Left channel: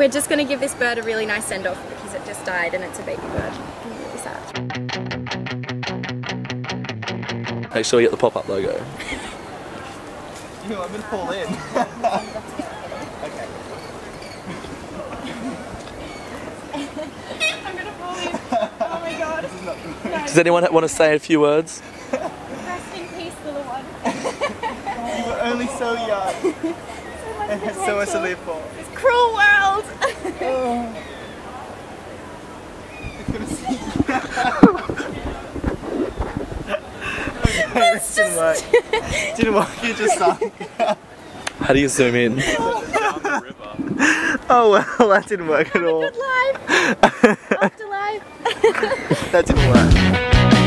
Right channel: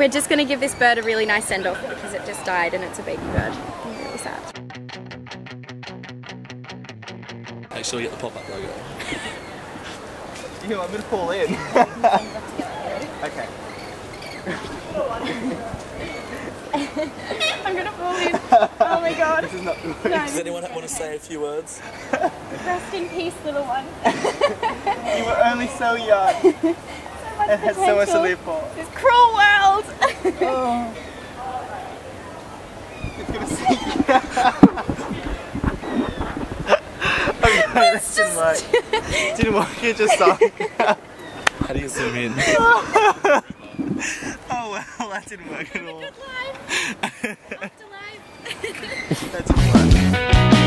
we're just going to give this bird a really nice send-off because it just died and it's a baby bird. I'm really sad. Make sure you get the pop-up logo. I'm gonna fall in. Okay. I'm gonna fall in. Oh my god. This is not good. No, Does anyone want to say a few words? rest in peace, little one. You were only so young So much and had so much to potential. live for. This cruel world. Oh. It's gonna sink. Okay, that didn't work. Didn't work, it just sunk. How do you zoom in? Oh well, that didn't work at all. Good life. Afterlife. That didn't work.